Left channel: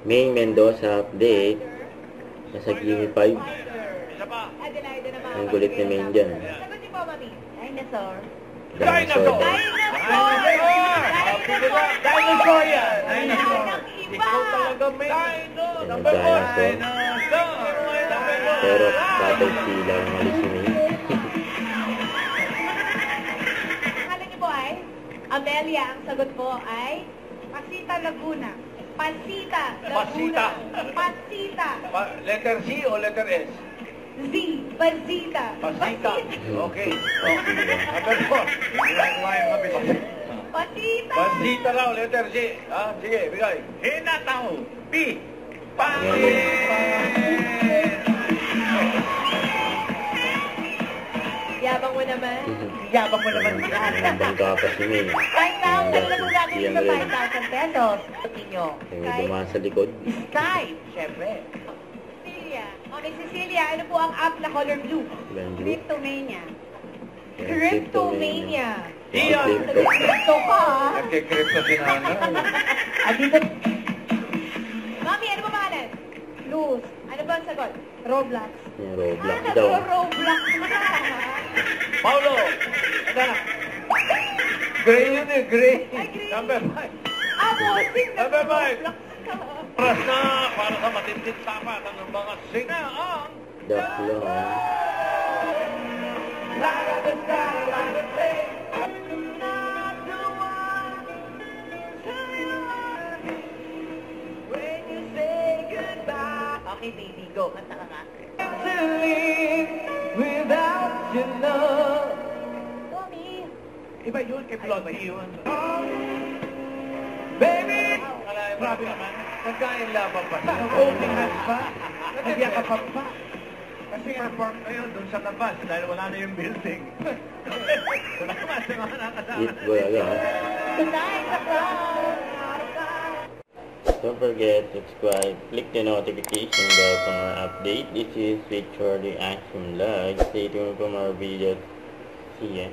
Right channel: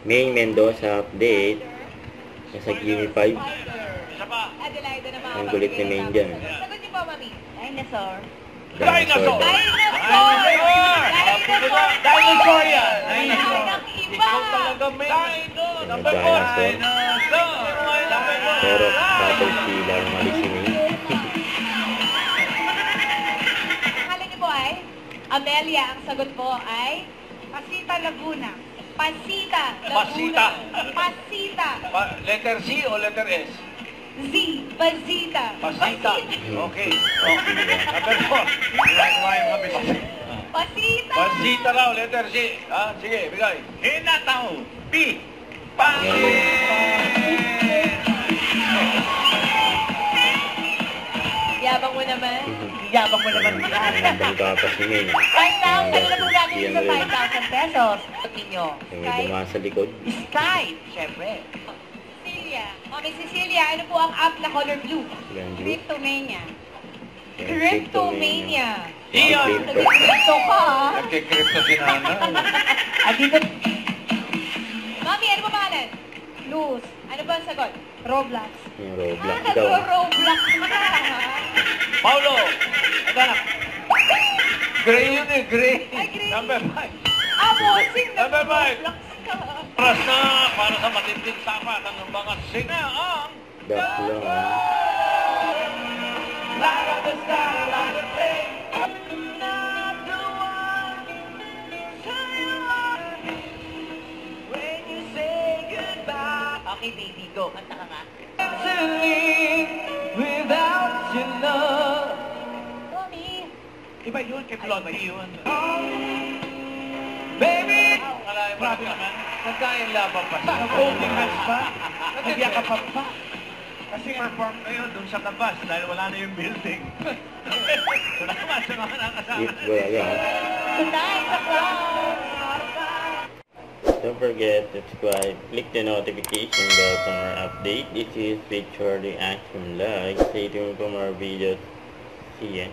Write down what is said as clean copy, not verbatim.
May Mendoza update. Nasa Gimme 5. Adelaide naman. Ang gulit ni Main dyan. Sagot niyo po, Mami. Dinosaur. Dinosaur. Dinosaur yan! Dinosaur! Ikaw talaga, Main! Number 4! Pero tapos sila ang mali si Main. Akala niyo po ay? Amelia, ang sagot po ay Pasita Laguna. Pasita Laguna. Pasita. Letter C o letter S? Z. Pasita. Pasita. Okay. Number 4. Ginagawa yung mga bisita. Pasita. Pasita raw, letter C. Ha? Sige, bigay. Hinataw. P. Yabang mo naman. Yabang mo naman. Bangga pa si Main. Right now, kayo na po natin sa 5,000 pesos. Ninyo. Yung may dumaan sa likod. Sky. Siyempre. Cecilia. Okay, Cecilia, ano po ang app na color blue? Ilang blue? Cryptomania. Yan, Cryptomania. Iyon. Crypto ka, ha? Nagkikrypto si Nana. Dito. Mami, ano ba pangalan? Luz. Ano ba ang sagot? Roblox. Yung Roblox daw. Roblox ka, ha? Paulo. Anak. Gray yun eh, gray. Ay, gray. Number 5. Bossing na Number 5. Roblox ka. Oras na para sa matinding tapatan ng mga sing na ang Back lang ha. Okay, baby, go. Kanta ka nga. without your love. Mami. Iba yun, kay Blondie yun. Baby! Grabe naman. Nagkain laban pa siya. Holding hands pa. Nagyakapan pa. Kasi perform kayo doon sa labas dahil wala na yung building. Salamat sa mga nakasama. Hit ba yan? Tonight, sa club. Don't forget to subscribe, click the notification bell for more update. This is Victor the Action Vlog. Stay tuned for more videos. See ya.